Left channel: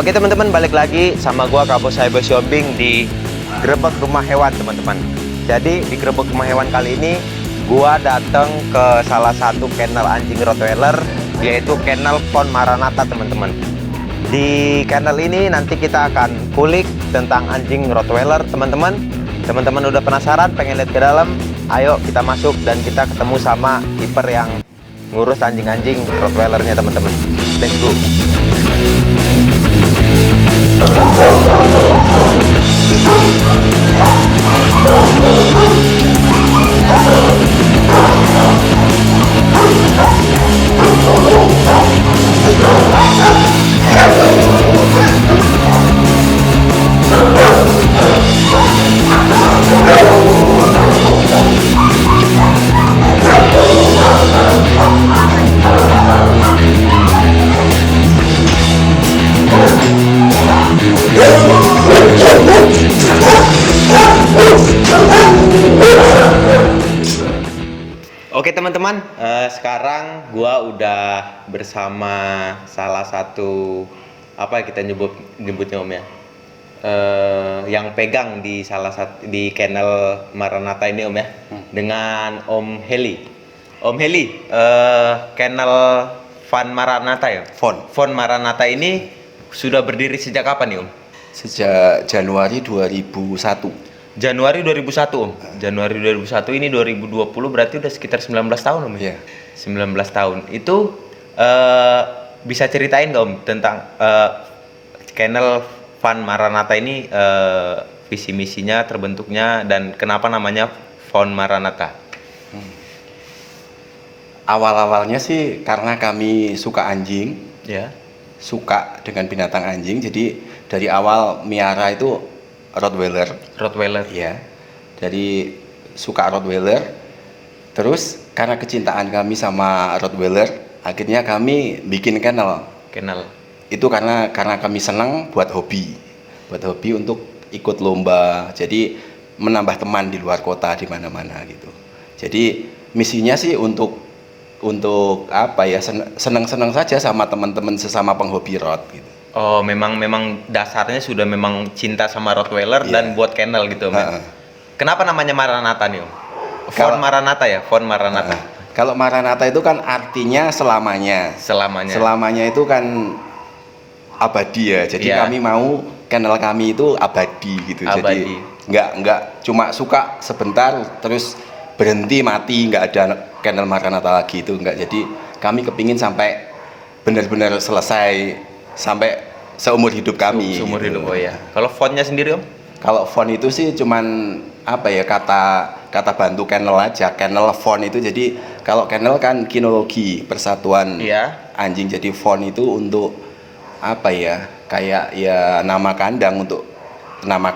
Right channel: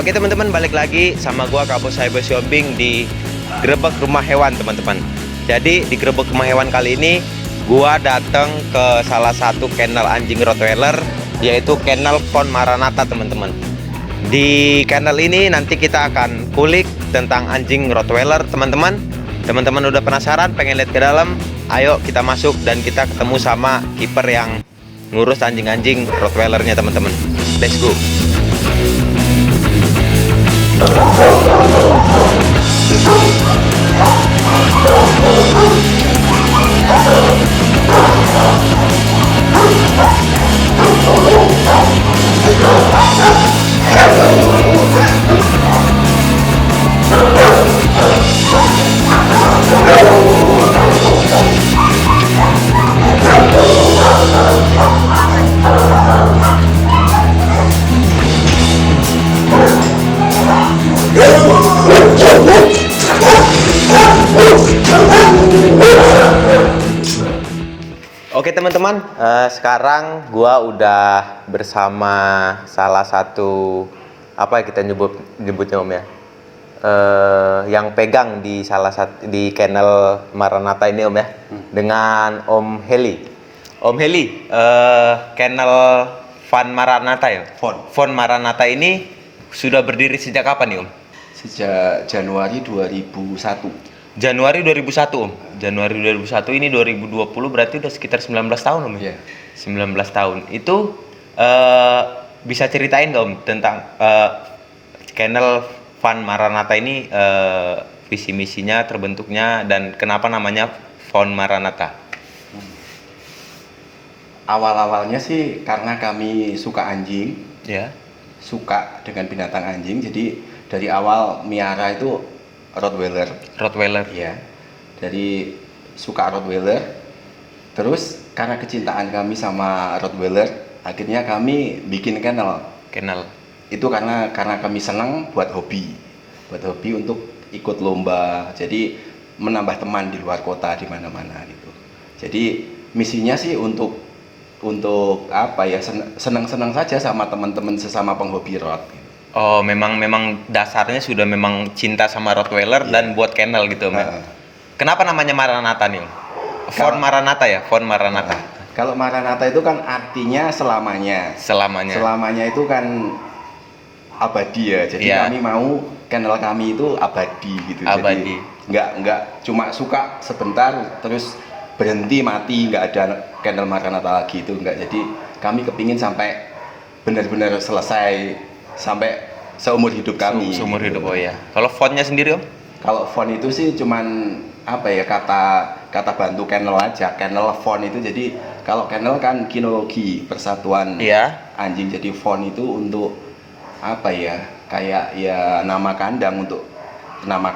Oke teman-teman, balik lagi sama gua Kapus Cyber Shopping di Grebek Rumah Hewan teman-teman. Jadi di Grebek Rumah Hewan kali ini gua datang ke salah satu kennel anjing Rottweiler, yaitu kennel Von Maranatha teman-teman. Di kennel ini nanti kita akan kulik tentang anjing Rottweiler teman-teman. Teman-teman udah penasaran pengen lihat ke dalam? Ayo kita masuk dan kita ketemu sama kiper yang ngurus anjing-anjing Rottweilernya teman-teman. Let's go. Oke teman-teman, sekarang gua udah bersama salah satu apa kita nyebutnya Om ya, yang pegang di salah satu di kennel Maranatha ini Om ya, dengan Om Heli. Om Heli, kennel Von Maranatha ya? Von Maranatha ini sudah berdiri sejak kapan nih Om? Sejak Januari 2001. Januari 2001 Om. Januari 2001 ini 2020 berarti udah sekitar 19 tahun Om ya? Iya. 19 tahun. Itu bisa ceritain nggak Om tentang kennel Von Maranatha ini, visi misinya, terbentuknya, dan kenapa namanya Von Maranatha? Awal-awalnya sih karena kami suka anjing, Ya. suka dengan binatang anjing. Jadi dari awal miara itu Rottweiler. Rottweiler. Ya. Dari suka Rottweiler. Terus karena kecintaan kami sama Rottweiler, akhirnya kami bikin kennel. Kennel. Itu karena kami senang buat hobi untuk ikut lomba. Jadi menambah teman di luar kota, di mana-mana gitu. Jadi misinya sih untuk apa ya, senang-senang saja sama teman-teman sesama penghobi rot gitu. Oh, memang dasarnya sudah memang cinta sama Rottweiler dan buat kennel gitu Om ya. Kenapa namanya Maranatha nih Om? Von Maranatha ya, Von Maranatha. Kalau Maranatha itu kan artinya selamanya. Selamanya itu kan abadi ya. Jadi kami mau kennel kami itu abadi gitu. Abadi. Jadi nggak cuma suka sebentar terus berhenti mati, nggak ada kennel Maranatha lagi, itu nggak. Jadi kami kepingin sampai benar-benar selesai, sampai seumur hidup kami. Seumur gitu. hidup. Oh ya. Kalau fontnya sendiri Om? Kalau font itu sih cuman apa ya, kata bantu kennel aja. Kennel font itu, jadi kalau kennel kan kinologi, persatuan anjing. Jadi font itu untuk apa ya, kayak ya nama kandang, untuk nama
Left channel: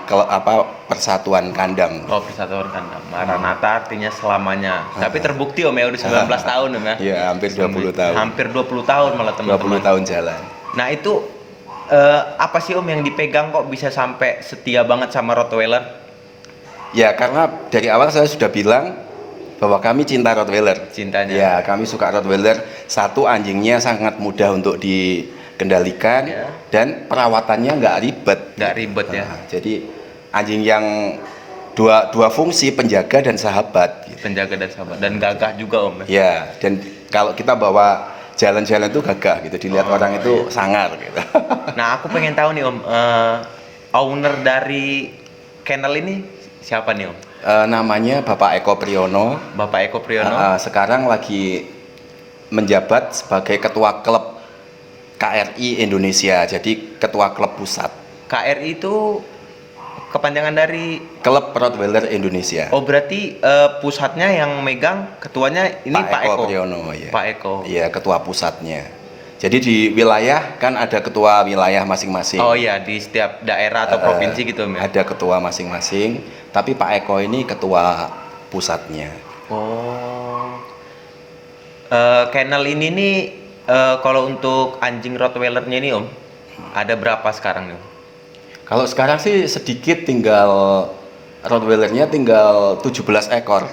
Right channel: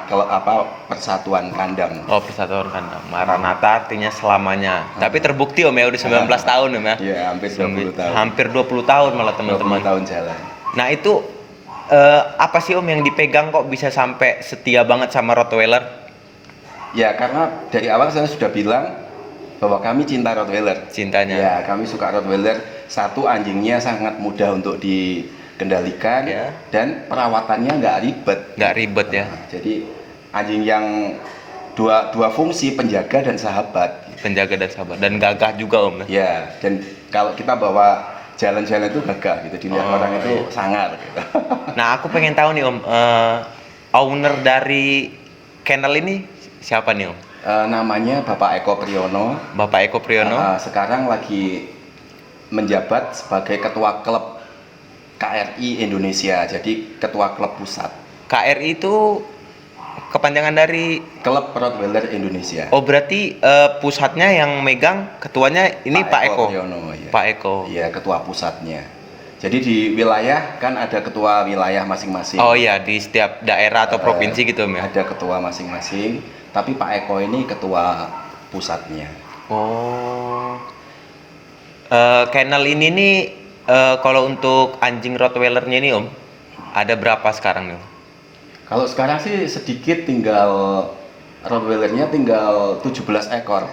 persatuan kandang. Oh, persatuan kandang. Maranatha artinya selamanya. Tapi terbukti Om ya udah 19 tahun Om ya. Iya, hampir 20 tahun. Hampir 20 tahun malah teman-teman. 20 tahun jalan. Nah, itu apa sih Om yang dipegang kok bisa sampai setia banget sama Rottweiler? Ya, karena dari awal saya sudah bilang bahwa kami cinta Rottweiler. Cintanya. Ya, kami suka Rottweiler. Satu, anjingnya sangat mudah untuk dikendalikan, dan perawatannya nggak ribet. Nggak ribet ya. Jadi anjing yang dua fungsi, penjaga dan sahabat. Penjaga dan sahabat, dan gagah juga Om. Ya, dan kalau kita bawa jalan-jalan itu gagah gitu, dilihat orang itu sangar gitu. Nah, aku pengen tahu nih Om, owner dari kennel ini siapa nih Om? Namanya Bapak Eko Priyono. Bapak Eko Priyono. Sekarang lagi menjabat sebagai ketua klub KRI Indonesia, jadi ketua klub pusat. KRI itu kepanjangan dari Klub Rottweiler Indonesia. Oh, berarti pusatnya yang megang, ketuanya ini Pak Eko. Priyono, ya. Pak Eko. Iya, ketua pusatnya. Jadi di wilayah kan ada ketua wilayah masing-masing. Oh iya, di setiap daerah atau provinsi gitu Om ya. Ada ketua masing-masing, tapi Pak Eko ini ketua pusatnya. Oh. Kennel ini nih, kalau untuk anjing Rottweilernya ini Om, ada berapa sekarang nih Om? Kalau sekarang sih sedikit, tinggal Rottweilernya tinggal 17 ekor.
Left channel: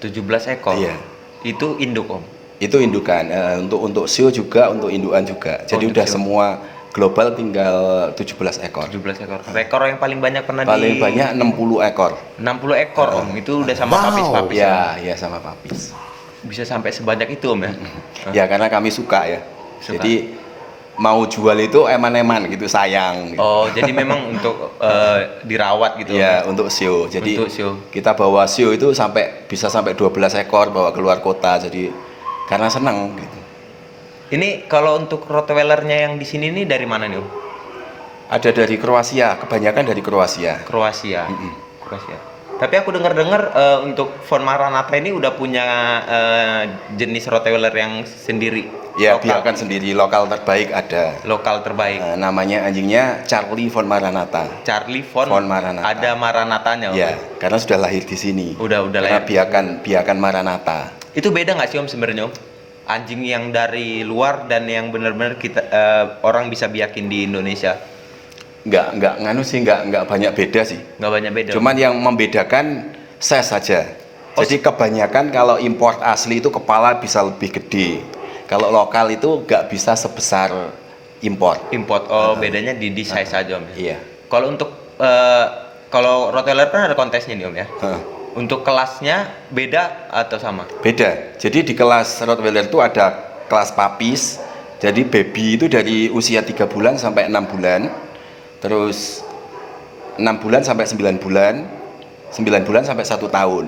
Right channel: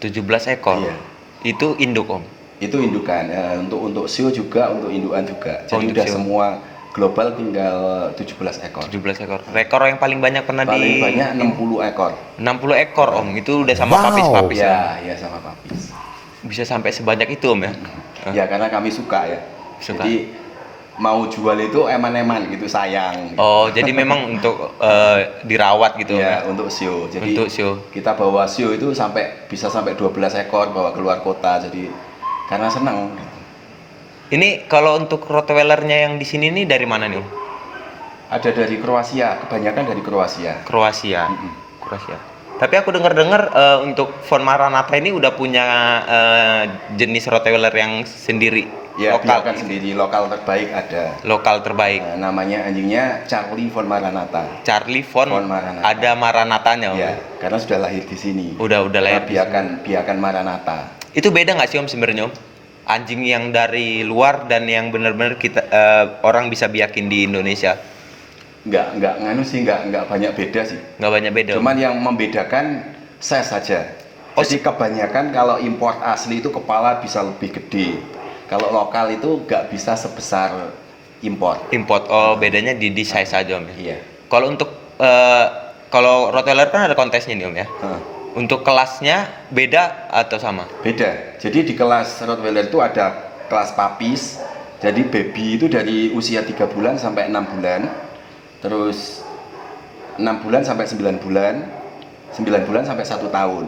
17 ekor? Iya. Itu induk Om? Itu indukan, untuk show juga, untuk indukan juga. Jadi udah show. semua global tinggal 17 ekor. 17 ekor. Rekor yang paling banyak pernah Paling banyak 60 ekor. 60 ekor Om. Itu udah sama papis-papis Ya, ya sama papis. Bisa sampai sebanyak itu Om ya? Ya karena kami suka ya. Suka. Jadi mau jual itu eman-eman gitu, sayang. Gitu. Oh, jadi memang untuk dirawat gitu. Ya, untuk show. Jadi untuk show. kita bawa show itu bisa sampai 12 ekor bawa keluar kota. Jadi karena senang gitu. Ini kalau untuk Rottweilernya yang di sini nih dari mana nih Om? Ada dari Kroasia, kebanyakan dari Kroasia. Kroasia. Kroasia. Tapi aku dengar-dengar untuk Von Maranatha ini udah punya jenis Rottweiler yang sendiri. Ya, lokal. biarkan sendiri, lokal terbaik ada. Lokal terbaik. Namanya anjingnya Charlie Von Maranatha. Charlie Von Maranatha. Ada Maranatanya Om? Ya, karena sudah lahir di sini. Udah lahir. Biarkan Maranatha. Itu beda nggak sih Om sebenarnya Om? Anjing yang dari luar dan yang benar-benar kita orang bisa biakin di Indonesia? Nggak banyak beda sih. Nggak banyak beda. Cuman yang membedakan size saja. Jadi kebanyakan kalau import asli itu kepala bisa lebih gede. Kalau lokal itu nggak bisa sebesar import. Bedanya di size saja Om. Iya. Kalau untuk kalau Rottweiler kan ada kontesnya nih Om ya. Untuk kelasnya beda atau sama? Beda. Jadi di kelas Rottweiler itu ada kelas papis. Jadi baby itu dari usia 3 bulan sampai 6 bulan. Terus 6 bulan sampai 9 bulan. 9 bulan sampai 1 tahun.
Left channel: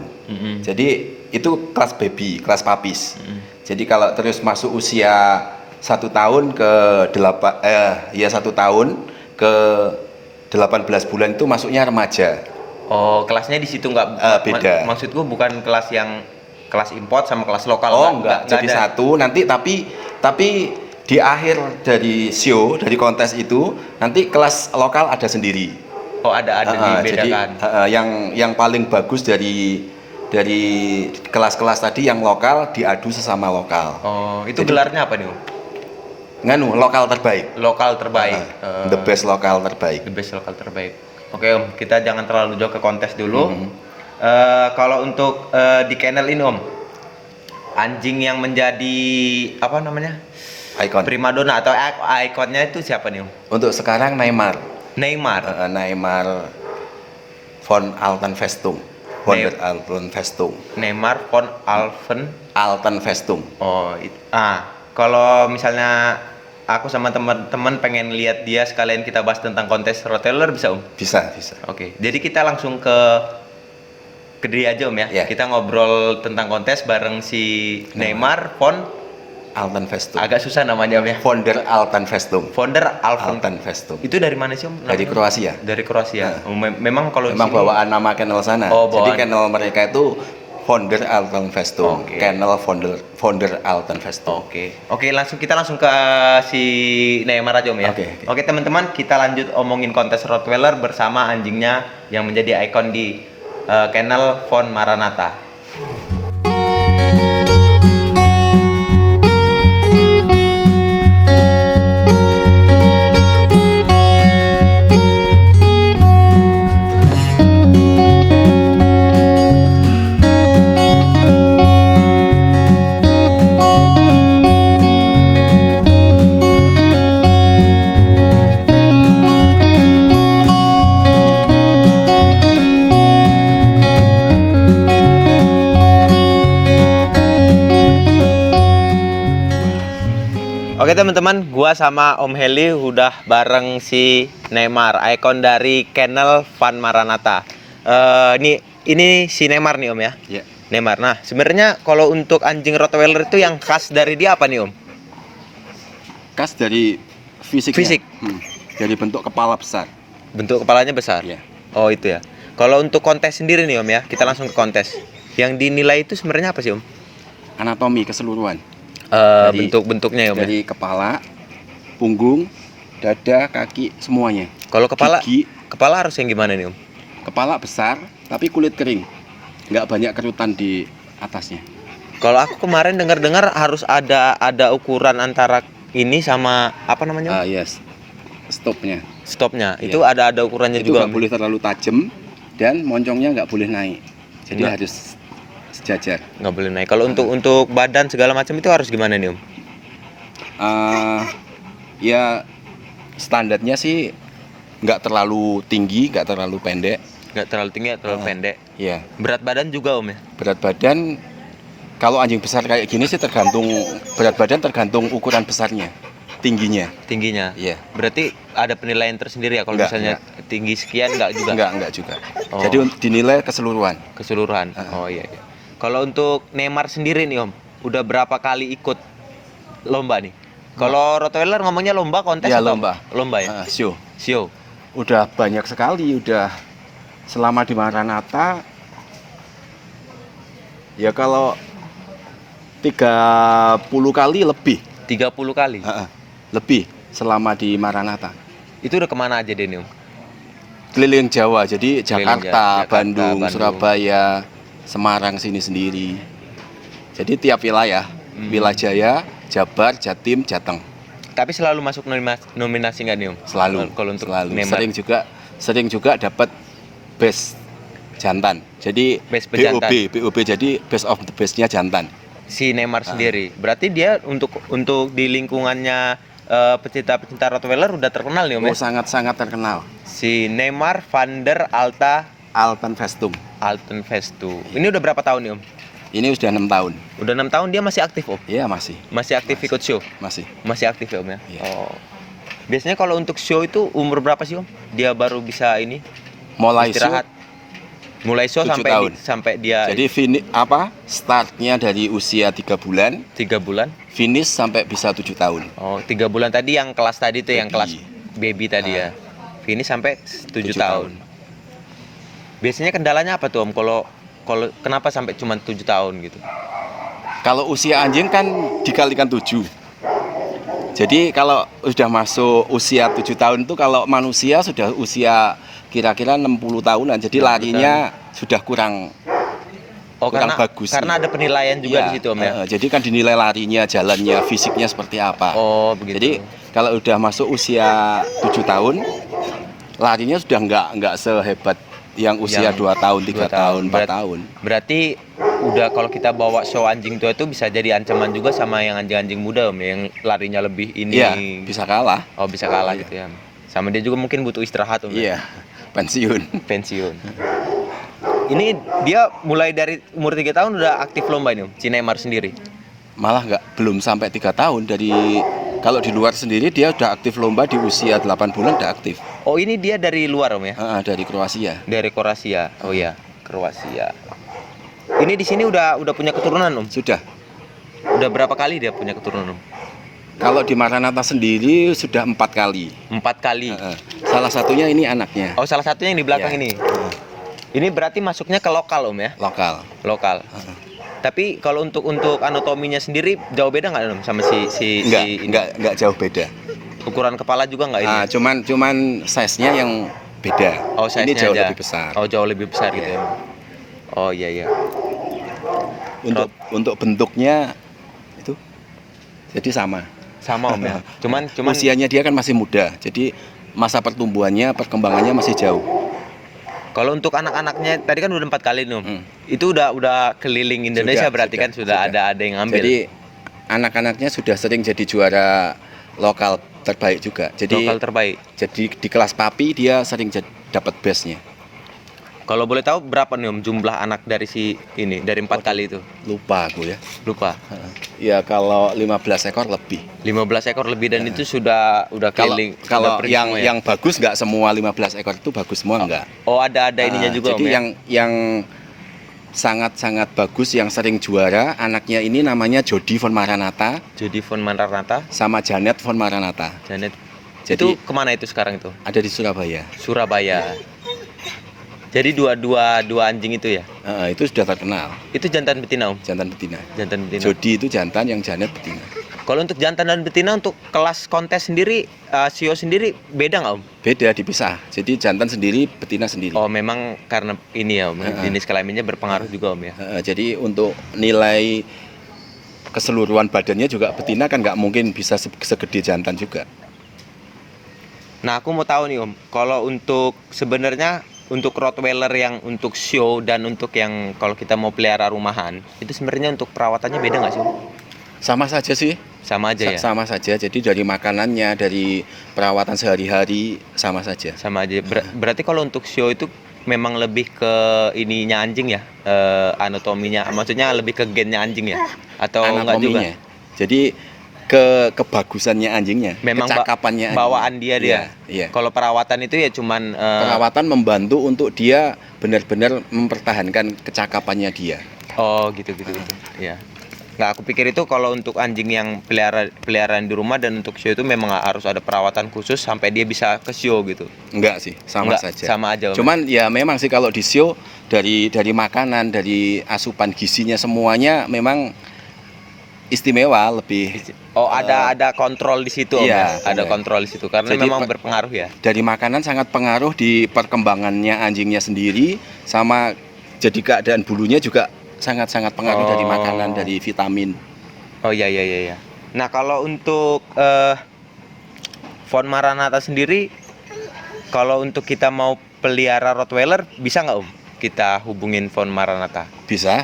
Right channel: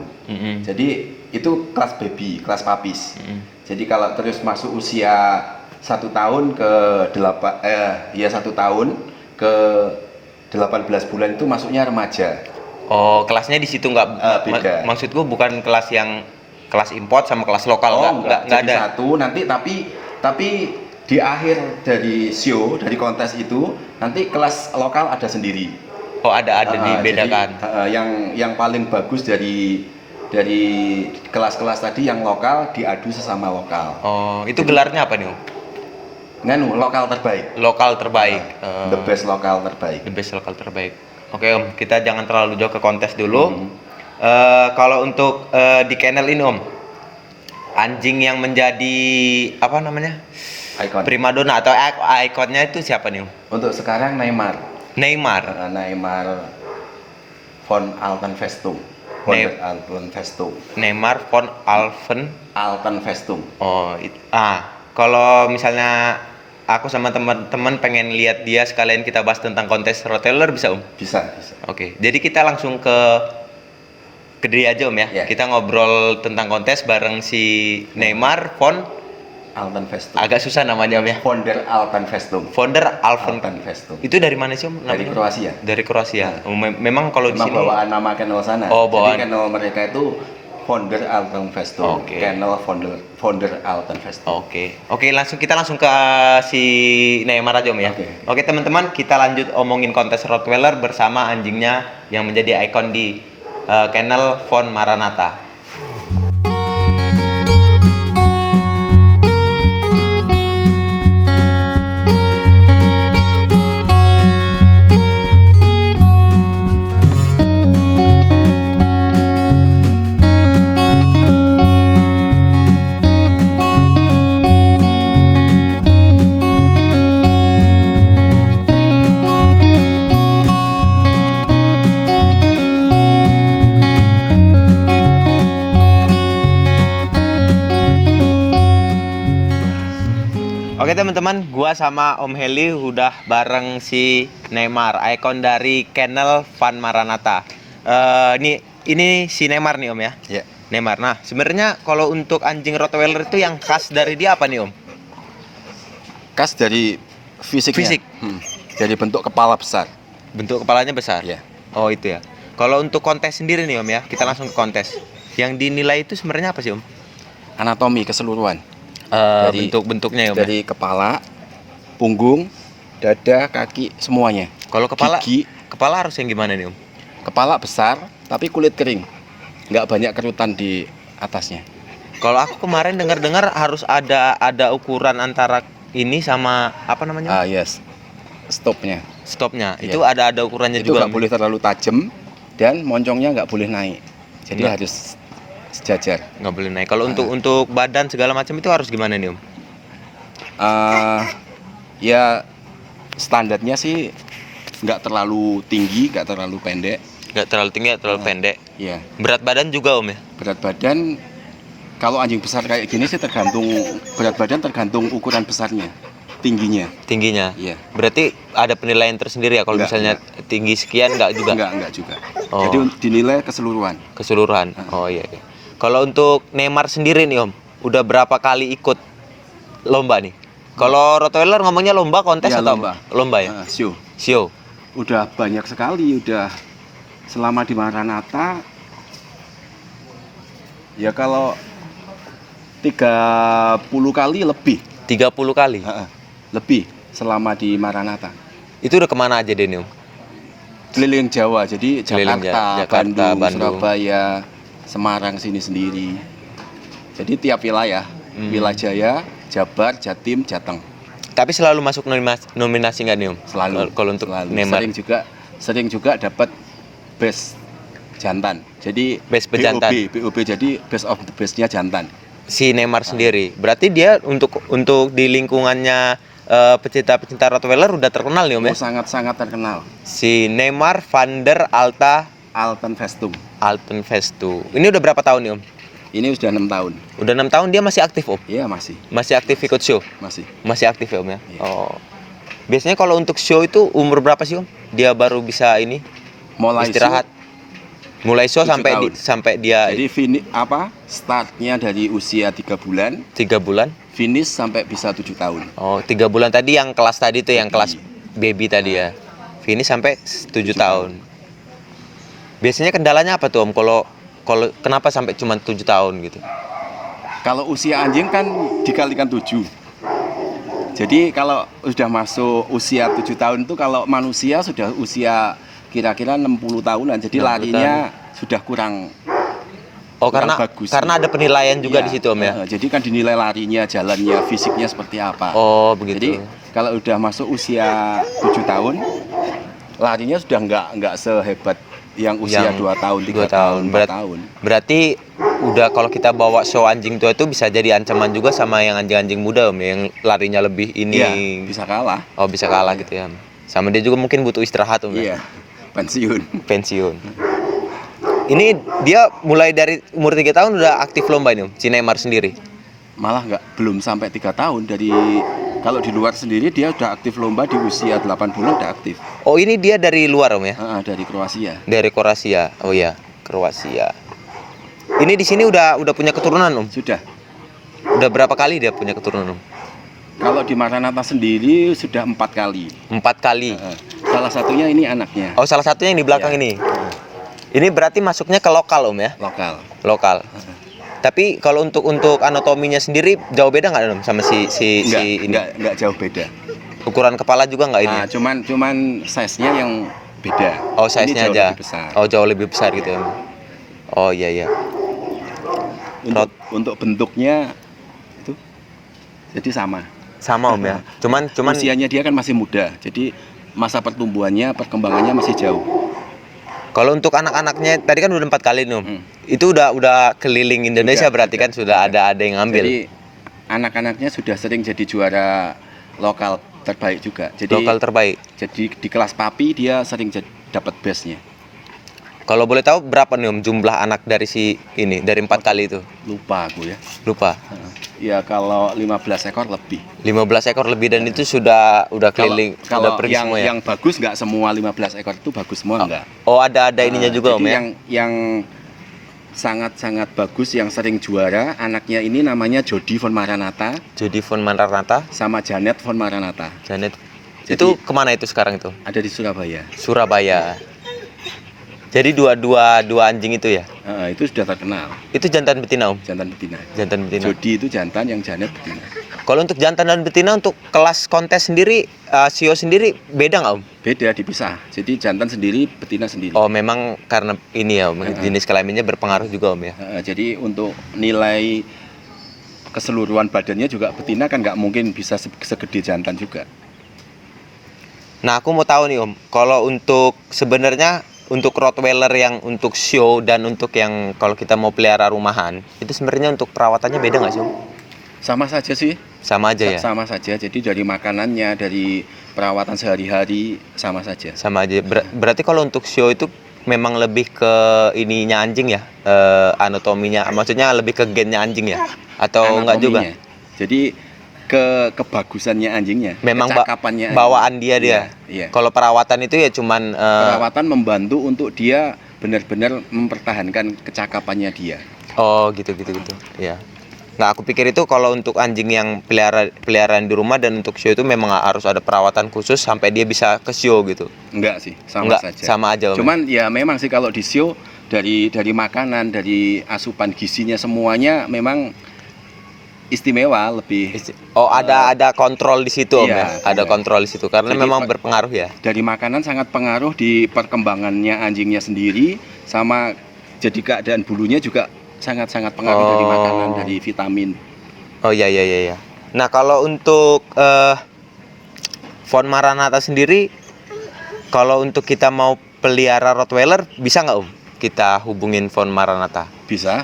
Jadi itu kelas baby, kelas papis. Jadi kalau terus masuk usia 1 tahun ke 1 tahun ke 18 bulan itu masuknya remaja. Oh, kelasnya di situ nggak beda. Maksudku bukan kelas yang kelas import sama kelas lokal enggak jadi ada. Satu nanti tapi di akhir dari show, dari kontes itu nanti kelas lokal ada sendiri. Oh, ada dibedakan. Jadi, yang paling bagus dari kelas-kelas tadi yang lokal diadu sesama lokal. Oh, itu jadi, gelarnya apa nih Om? Lokal terbaik. Lokal terbaik. The best lokal terbaik. The best lokal terbaik. Oke Om, kita jangan terlalu jauh ke kontes dulu. Kalau untuk di kennel ini Om, anjing yang menjadi apa namanya? Icon. Primadona atau ikonnya itu siapa nih Om? Untuk sekarang Neymar von Altenfestum. Neymar von Altenfestum. Oh, kalau misalnya aku sama teman-teman pengen lihat dia sekalian kita bahas tentang kontes Rottweiler bisa Om? Bisa. Oke, jadi kita langsung ke dia aja Om ya. Yeah. Kita ngobrol tentang kontes bareng si Neymar von Altenfestum. Agak susah namanya Om ya. Founder Altenfestum. Itu dari mana sih Om? Dari Kroasia. Dari Kroasia. Memang kalau di sini bawaan nama kennel sana. Jadi kennel mereka itu Founder Altenfestum. Kennel founder Altenfestum. Oke, kita langsung ke si Neymar aja Om ya. Oke, teman-teman, kita lanjut omongin kontes Rottweiler bersama anjingnya yang menjadi ikon di kennel Von Maranatha. Oke teman-teman, gua sama Om Heli udah bareng si Neymar, ikon dari kennel Von Maranatha. Ini si Neymar nih Om ya. Yeah. Neymar. Nah, sebenarnya kalau untuk anjing Rottweiler itu yang khas dari dia apa nih Om? Khas dari fisiknya. Fisik. Dari bentuk kepala besar. Bentuk kepalanya besar. Yeah. Oh itu ya. Kalau untuk kontes sendiri nih Om ya, kita langsung ke kontes. Yang dinilai itu sebenarnya apa sih Om? Anatomi keseluruhan. Bentuk-bentuknya ya Om. Dari kepala, punggung, dada, kaki, semuanya. Kalau kepala, gigi, kepala harus yang gimana nih Om? Kepala besar, tapi kulit kering. Nggak banyak kerutan di atasnya. Kalau aku kemarin dengar-dengar harus ada ukuran antara ini sama apa namanya? Yes. Stopnya. Itu ada ukurannya itu juga. Nggak boleh terlalu tajam dan moncongnya nggak boleh naik. Jadi harus sejajar. Nggak boleh naik. Kalau untuk badan segala macam itu harus gimana nih Om? Ya standarnya sih nggak terlalu tinggi, nggak terlalu pendek. Nggak terlalu tinggi, nggak terlalu pendek. Iya. Berat badan juga Om ya? Berat badan kalau anjing besar kayak gini sih tergantung berat badan, tergantung ukuran besarnya, tingginya. Tingginya. Iya. Berarti ada penilaian tersendiri ya kalau Nggak, misalnya tinggi sekian nggak juga? Enggak juga. Oh. Jadi dinilai keseluruhan. Keseluruhan. Oh iya. Kalau untuk Neymar sendiri nih Om, udah berapa kali ikut lomba nih? Kalau Rottweiler ngomongnya lomba, kontes Iya, atau lomba. Lomba ya? Show. Show. Udah banyak sekali, udah selama di Maranatha ya kalau 30 kali lebih. 30 kali. Lebih selama di Maranatha. Itu udah kemana aja deh nih Om? Keliling Jawa, jadi Keliling Jakarta, Jakarta, Bandung, Surabaya, Semarang sini sendiri. Jadi tiap wilayah, Wilayah, Jabar, Jatim, Jateng. Tapi selalu masuk nominasi nggak nih Om? Selalu. Kalau untuk selalu. Neymar. Sering juga dapat best jantan. Jadi Best pejantan. BOB jadi best of the bestnya jantan. Si Neymar sendiri. Berarti dia untuk di lingkungannya pecinta Rottweiler udah terkenal nih Om ya? Sangat-sangat terkenal. Si Neymar van der Alpenvestung. Alpenvestu. Ini udah berapa tahun nih Om? Ini sudah 6 tahun. Udah 6 tahun dia masih aktif Om? Iya, masih. Masih aktif ikut show? Masih. Masih aktif ya Om ya? Iya. Oh. Biasanya kalau untuk show itu umur berapa sih Om? Dia baru bisa ini Mulai istirahat. Mulai show 7 sampai tahun. sampai dia Jadi startnya dari usia 3 bulan, 3 bulan. finish sampai bisa 7 tahun. Oh, 3 bulan tadi yang kelas tadi tuh yang Baby. kelas baby tadi ya. Finish sampai 7 tahun. Biasanya kendalanya apa tuh Om kalau kenapa sampai cuma 7 tahun gitu? Kalau usia anjing kan dikalikan 7. Jadi kalau sudah masuk usia 7 tahun itu kalau manusia sudah usia kira-kira 60 tahunan. Jadi 60 larinya sudah kurang karena bagus. karena ada penilaian juga Iya, di situ Om ya. Jadi kan dinilai larinya, jalannya, fisiknya seperti apa. Oh, begitu. Jadi kalau udah masuk usia 7 tahun, larinya sudah nggak sehebat yang usia 2 tahun, 3 tahun, 4 tahun. Berarti udah kalau kita bawa show anjing tua itu bisa jadi ancaman juga sama yang anjing-anjing muda Om, yang larinya lebih ini. Iya, bisa kalah. Oh, bisa kalah gitu ya. Sama dia juga mungkin butuh istirahat Om. Iya, pensiun. Pensiun. Ini dia mulai dari umur 3 tahun udah aktif lomba ini Om, si Neymar sendiri. Malah belum sampai 3 tahun. Kalau di luar sendiri dia udah aktif lomba di usia 8 bulan udah aktif. Oh, ini dia dari luar Om ya? Dari Kroasia. Dari Kroasia. Oh iya, Kroasia. Ini di sini udah punya keturunan Om? Sudah. Udah berapa kali dia punya keturunan Om? Kalau di Maranatha sendiri sudah 4 kali. 4 kali. Salah satunya ini anaknya. Oh, salah satunya yang di belakang ini. Ini berarti masuknya ke lokal Om ya? Lokal. Tapi kalau untuk anatominya sendiri jauh beda nggak Om sama si Enggak jauh beda. Ukuran kepala juga nggak ini? Cuman size-nya yang beda. Oh, size-nya ini jauh aja. lebih besar. Oh, jauh lebih besar gitu ya. Oh iya. Untuk bentuknya itu jadi sama. Sama Om ya. Cuman usianya dia kan masih muda. Jadi masa pertumbuhannya, perkembangannya masih jauh. Kalau untuk anak-anaknya tadi kan udah 4 kali nih Om. Itu udah keliling Indonesia berarti kan sudah ada yang ngambil. Jadi anak-anaknya sudah sering jadi juara lokal terbaik juga. Jadi lokal terbaik. Jadi di kelas papi dia sering dapat best-nya. Kalau boleh tahu berapa nih Om jumlah anak dari dari 4 kali itu? Lupa aku ya. Lupa. Ya kalau 15 ekor lebih. 15 ekor lebih dan itu sudah keliling. Kalau sudah yang bagus nggak semua 15 ekor itu bagus semua enggak. Oh, ada ininya juga jadi Om ya. Yang sangat-sangat bagus yang sering juara anaknya ini namanya Jody von Maranatha. Jody von Maranatha sama Janet von Maranatha. Janet. Jadi, itu kemana itu sekarang itu? Ada di Surabaya. Surabaya. Jadi dua anjing itu ya? Itu sudah terkenal. Itu jantan betina Om? Jantan betina. Jantan betina. Jody itu jantan, yang Janet betina. Kalau untuk jantan dan betina untuk kelas kontes sendiri, sio sendiri beda nggak Om? Beda, dipisah. Jadi jantan sendiri, betina sendiri. Oh, memang karena ini ya Om, jenis kelaminnya berpengaruh juga Om ya? Jadi untuk nilai keseluruhan badannya juga betina kan nggak mungkin bisa segede jantan juga. Nah, aku mau tahu nih Om, kalau untuk sebenarnya untuk Rottweiler yang untuk show dan untuk yang kalau kita mau pelihara rumahan, itu sebenarnya untuk perawatannya beda nggak sih Om? Sama saja sih. Sama aja ya. Sama saja. Jadi dari makanannya, dari perawatan sehari-hari sama saja. Sama aja. Berarti kalau untuk show itu memang lebih ke ininya anjing ya, anatominya, maksudnya lebih ke gennya anjing ya, atau enggak juga? Jadi kebagusannya anjingnya, memang kecakapannya bawaan dia. Iya. Kalau perawatan itu ya cuman perawatan membantu untuk dia benar-benar mempertahankan kecakapannya dia. Oh gitu. Ya. Nggak, aku pikir itu kalau untuk anjing yang peliharaan di rumah dan untuk show itu memang harus ada perawatan khusus sampai dia bisa ke show gitu. Enggak sih, sama saja. Sama aja. Cuman ya memang sih kalau di show dari makanan, dari asupan gizinya semuanya memang istimewa lebih. Ada kontrol di situ Om iya, ya. Ada kontrol di situ karena jadi, memang berpengaruh ya. Dari makanan sangat pengaruh di perkembangannya anjingnya sendiri, sama jadi keadaan bulunya juga sangat-sangat pengaruh dari makanan, dari vitamin. Oh iya. Nah kalau untuk Von Maranatha sendiri, kalau untuk kita mau pelihara Rottweiler bisa nggak Om? Kita hubungin Von Maranatha? Bisa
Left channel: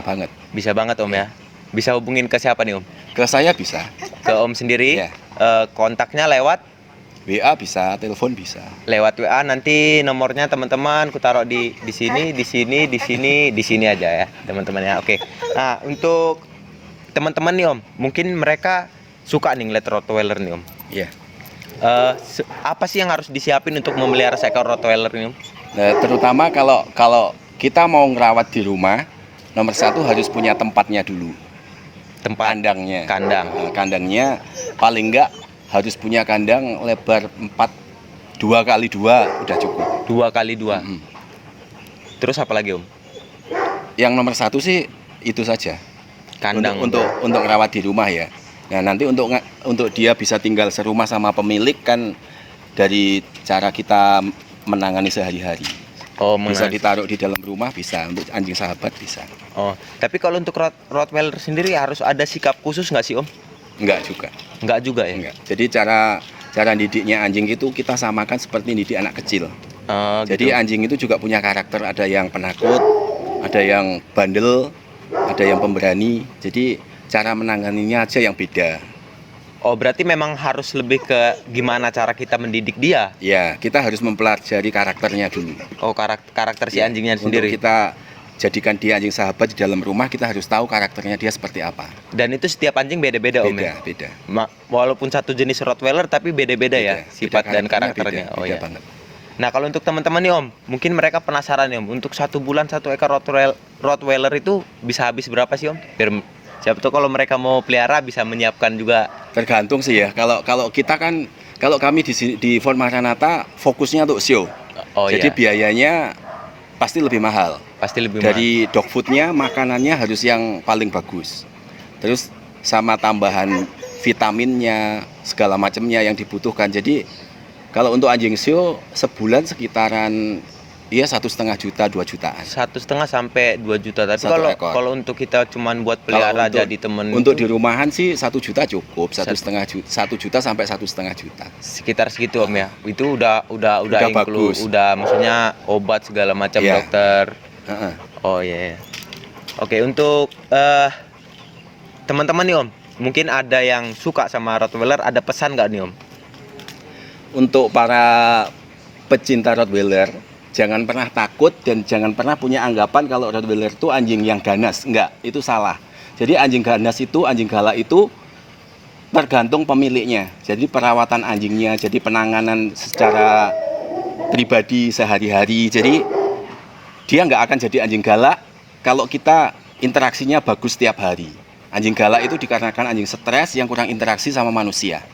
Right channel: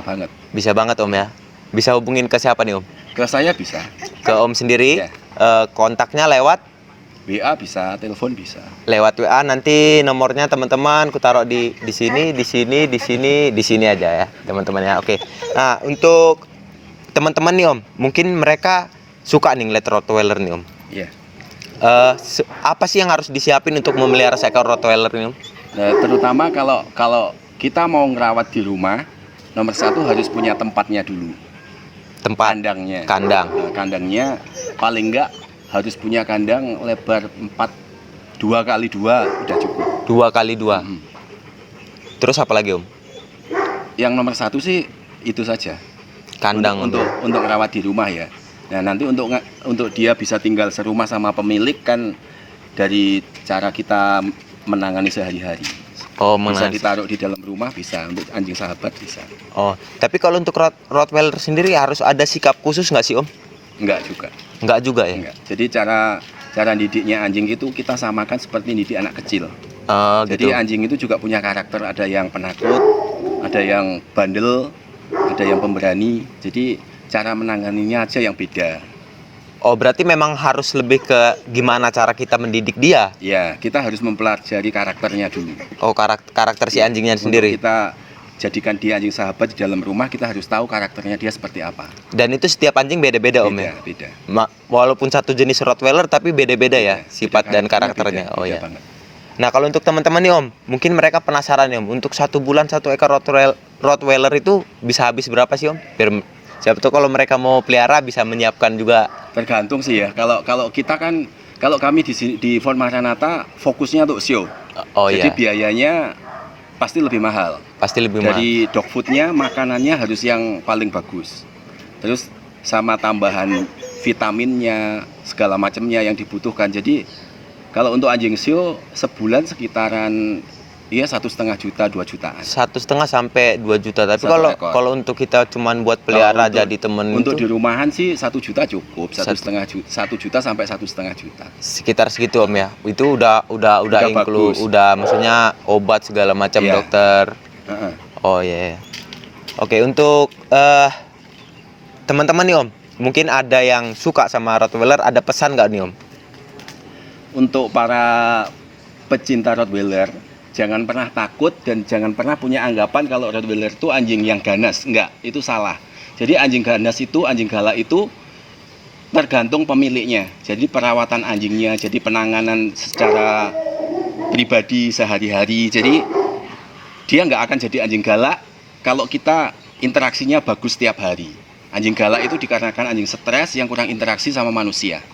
banget. Bisa banget Om ya. Bisa hubungin ke siapa nih Om? Ke saya bisa. Ke Om sendiri? Ya. Kontaknya lewat? WA bisa, telepon bisa. Lewat WA, nanti nomornya teman-teman ku taruh di sini aja ya teman-teman ya. Oke. Nah untuk teman-teman nih Om, mungkin mereka suka nih ngeliat Rottweiler nih Om. Iya. Apa sih yang harus disiapin untuk memelihara seekor Rottweiler nih Om? Nah, terutama kalau kita mau ngerawat di rumah, nomor satu harus punya tempatnya dulu. Tempat. Kandang. Nah, kandangnya paling enggak harus punya kandang lebar 2x2 udah cukup. 2x2. Terus apa lagi Om? Yang nomor satu sih itu saja. Kandang. Untuk ngerawat di rumah ya. Nah nanti untuk dia bisa tinggal serumah sama pemilik kan dari cara kita menangani sehari-hari. Bisa ditaruh di dalam rumah, bisa untuk anjing sahabat bisa. Tapi kalau untuk Rottweiler sendiri harus ada sikap khusus nggak sih Om? Enggak juga ya. Enggak. Jadi cara didiknya anjing itu kita samakan seperti didik anak kecil. Jadi gitu. anjing itu juga punya karakter, ada yang penakut, ada yang bandel, ada yang pemberani. Jadi cara menanganinya aja yang beda. Berarti memang harus lebih ke gimana cara kita mendidik dia? Ya, kita harus mempelajari karakternya dulu. Karakter si anjingnya sendiri. Kita jadikan dia anjing sahabat di dalam rumah, kita harus tahu karakternya dia seperti apa. Dan itu setiap anjing beda-beda Om ya? Beda. Walaupun satu jenis Rottweiler tapi beda-beda ya sifat dan karakternya. Beda banget. Nah kalau untuk teman-teman nih Om, mungkin mereka penasaran nih Om, untuk 1 bulan 1 ekor Rottweiler itu bisa habis berapa sih Om? Siapa tahu kalau mereka mau pelihara bisa menyiapkan juga. Tergantung sih ya. Kalau kita kan, kalau kami di Von Maranatha fokusnya untuk show. Jadi biayanya pasti lebih mahal. Dari dog foodnya, makanannya harus yang paling bagus. Terus sama tambahan vitaminnya, segala macamnya yang dibutuhkan. Jadi kalau untuk anjing show sebulan sekitaran 1,5 juta, 2 jutaan. 1,5 sampai 2 juta. Tapi kalau untuk kita cuman buat pelihara jadi temen untuk di rumahan sih 1 juta cukup. 1 juta sampai 1,5 juta. Sekitar segitu Om ya. Itu udah include, udah maksudnya obat segala macam dokter. Oh iya. Oke, untuk teman-teman nih Om, mungkin ada yang suka sama Rottweiler, ada pesan nggak nih Om? Untuk para pecinta Rottweiler, jangan pernah takut dan jangan pernah punya anggapan kalau Rottweiler itu anjing yang ganas. Enggak, itu salah. Jadi anjing ganas itu, anjing galak itu tergantung pemiliknya. Jadi perawatan anjingnya, jadi penanganan secara pribadi sehari-hari. Jadi dia nggak akan jadi anjing galak kalau kita interaksinya bagus setiap hari. Anjing galak itu dikarenakan anjing stres yang kurang interaksi sama manusia.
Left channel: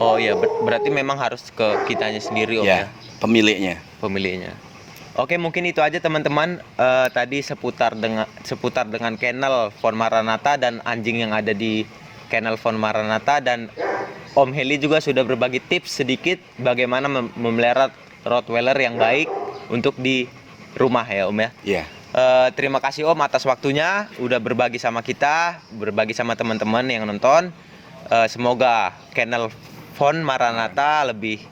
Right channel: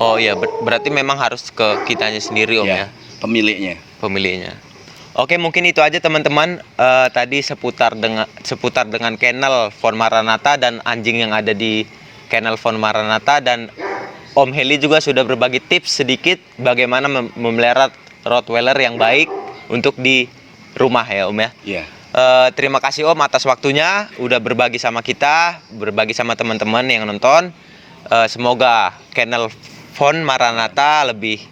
Oh iya, berarti memang harus ke kitanya sendiri Om ya? Pemiliknya. Oke, mungkin itu aja teman-teman. Tadi seputar dengan kennel Von Maranatha dan anjing yang ada di kennel Von Maranatha, dan Om Heli juga sudah berbagi tips sedikit bagaimana memelihara Rottweiler yang baik untuk di rumah ya Om ya. Iya. Terima kasih Om atas waktunya, udah berbagi sama kita, berbagi sama teman-teman yang nonton. Semoga kennel Von Maranatha lebih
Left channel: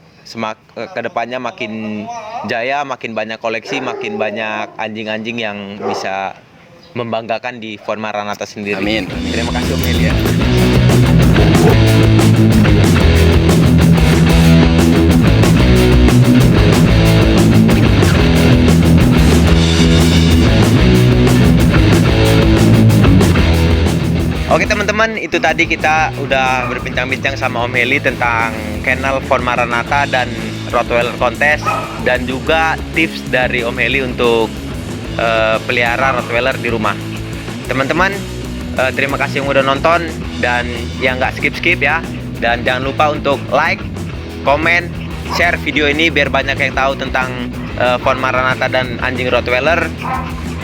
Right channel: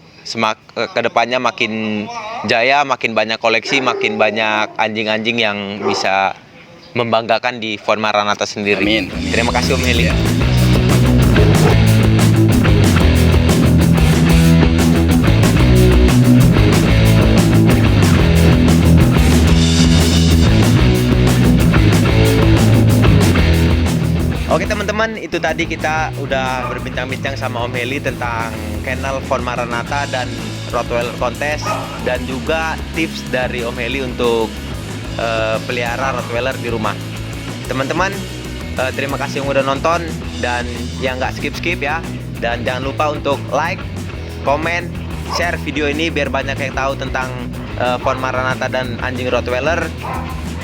kedepannya makin jaya, makin banyak koleksi, makin banyak anjing-anjing yang bisa membanggakan di Fon Maranatha sendiri. Amin. Terima kasih Om Heli. Oke teman-teman, itu tadi kita udah berbincang-bincang sama Om Heli tentang kennel Fon Maranatha dan Rottweiler kontes, dan juga tips dari Om Heli untuk pelihara Rottweiler di rumah. Teman-teman, terima kasih yang udah nonton dan yang nggak skip-skip ya. Dan jangan lupa untuk like, komen, share video ini biar banyak yang tahu tentang Fon Maranatha dan anjing Rottweiler.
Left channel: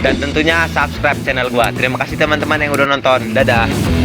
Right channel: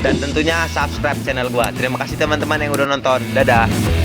Dan tentunya subscribe channel gua. Terima kasih teman-teman yang udah nonton. Dadah.